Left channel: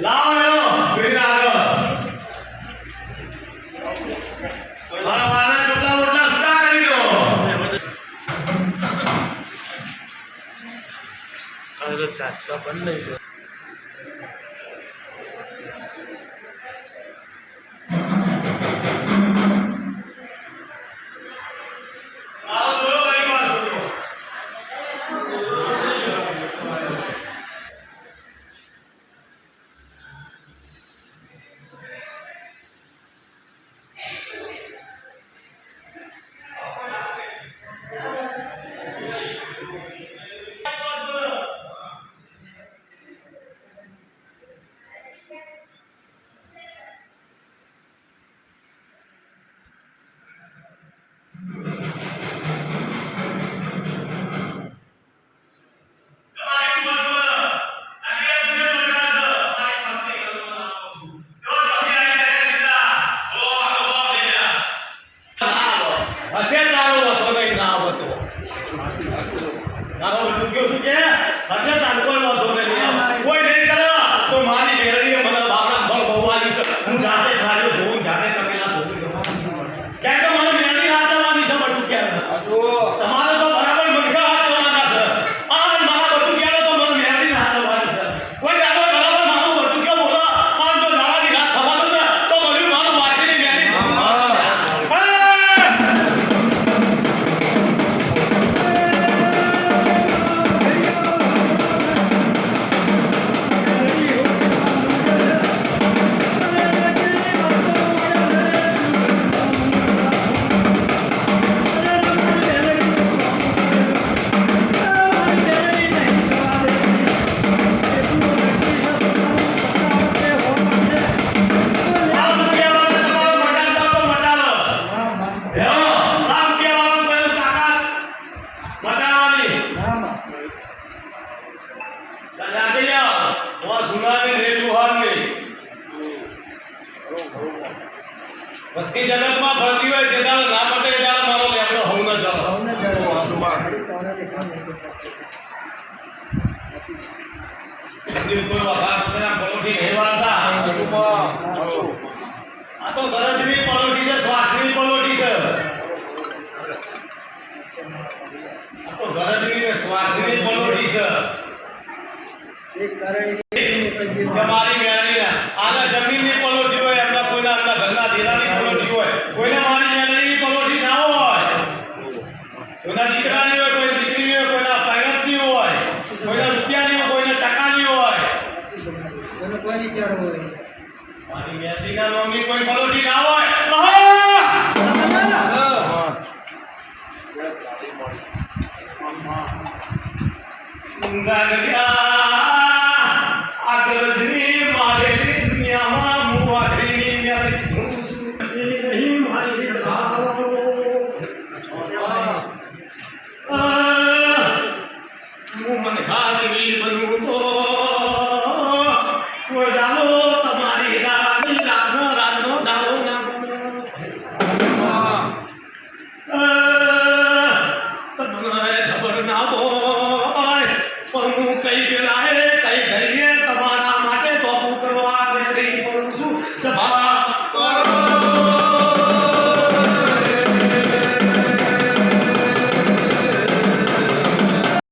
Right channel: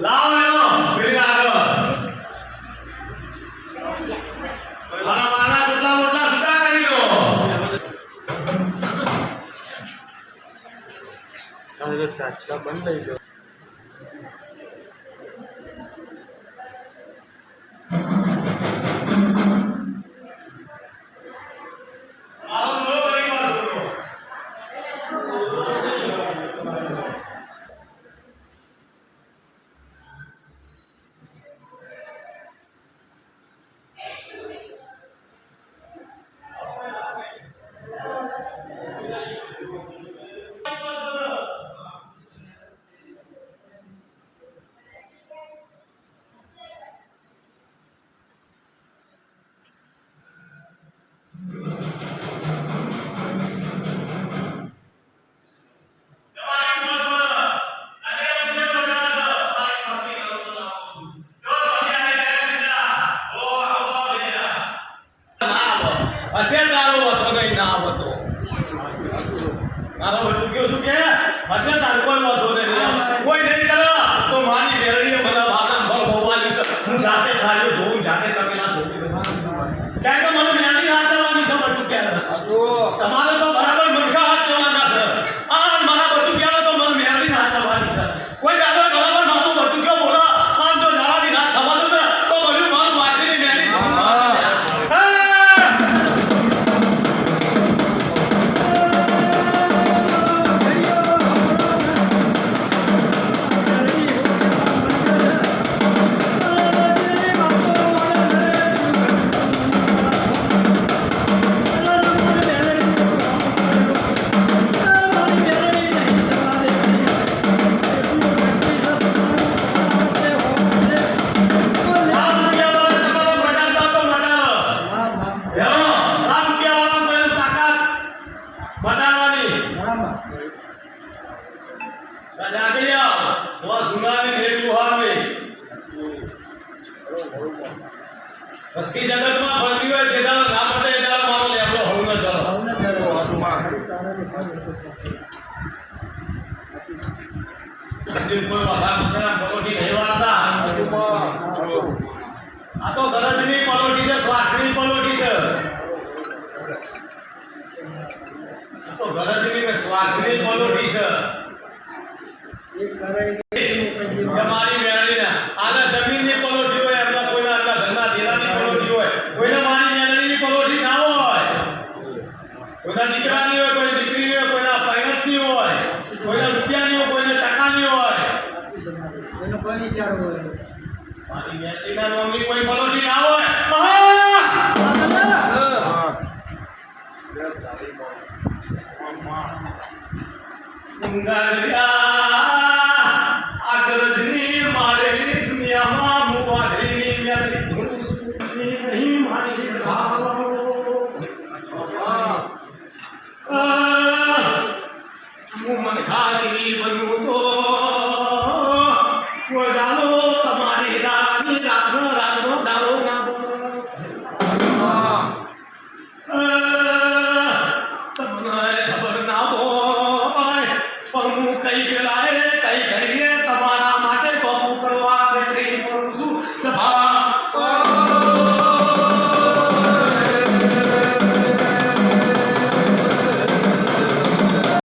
લાવો પેલી આગળ વાના કેટલા મોટા સુધા કરી દો હવે તાત્કા બંધ થઈ ગયો હશે તારો હતો નહીં ના હતો તારો બધું કયો શું કે હશે તારો કોઈ વાતો નહીં કોઈ નહીં કરો તો મારી મેળવીએ મને બાપના ભગ ભગવાનની છે હું જાતે ખાલી જોઉં જાતે તકેલા જોઉં કેમ કે મને મેળવી હાચવાની છે બધું કે તમારે તો બરાબર મૂર્ખા હાચવાના છે આ મારા બધું કે તો મને મેળવી હાચવાની છે કોઈ દાદા બરાબર મારું બધું કયો બોલો આમ તો દાડાની રાત થવાનું ને તો બધું મારું માર્કેટની મેળવી વસ્તી જગતમાં ફરતી હોય જે દાડો ના પડે એ દાડો મારો લેબડો હવ ન જાવ કોઈ વાલા મુકેના પલોઠી નહીં વાળતા આ તો ગરજની પલોઠી છે સ્વાખની પલોઠી છે આ તો ગરજની ને સ્વાખની પલોઠી છે તમારી મેળવી આના જમીનની પલોઠી હોય એમના કોઈના એમના ઘરના દેરાની પલોઠી હોય કોઈના મારી મેળવીની પલોઠી ના હોય કોઈના દીકરાની હોય કોઈ દીકરીની હોય કોઈના પાયણતની હોય કોઈના રૂપિયાની હોય કોઈના ટકાની હોય કોઈની ચાર હોય મારી મેળવીના નામની કોઈ પલોઠી ના હોય આગળની મારેલી દુનિયામાં મુવાડની મેરી નહીં મારી હું મન ખાજલી બનવું તો જાણો તમારી રાની રાતનો દાવો ના બનો તમને ખબર ના પણ હું કઈ ગયેલા કઈ ઘડીએ તમારા માટે તોપું કરવા બેઠી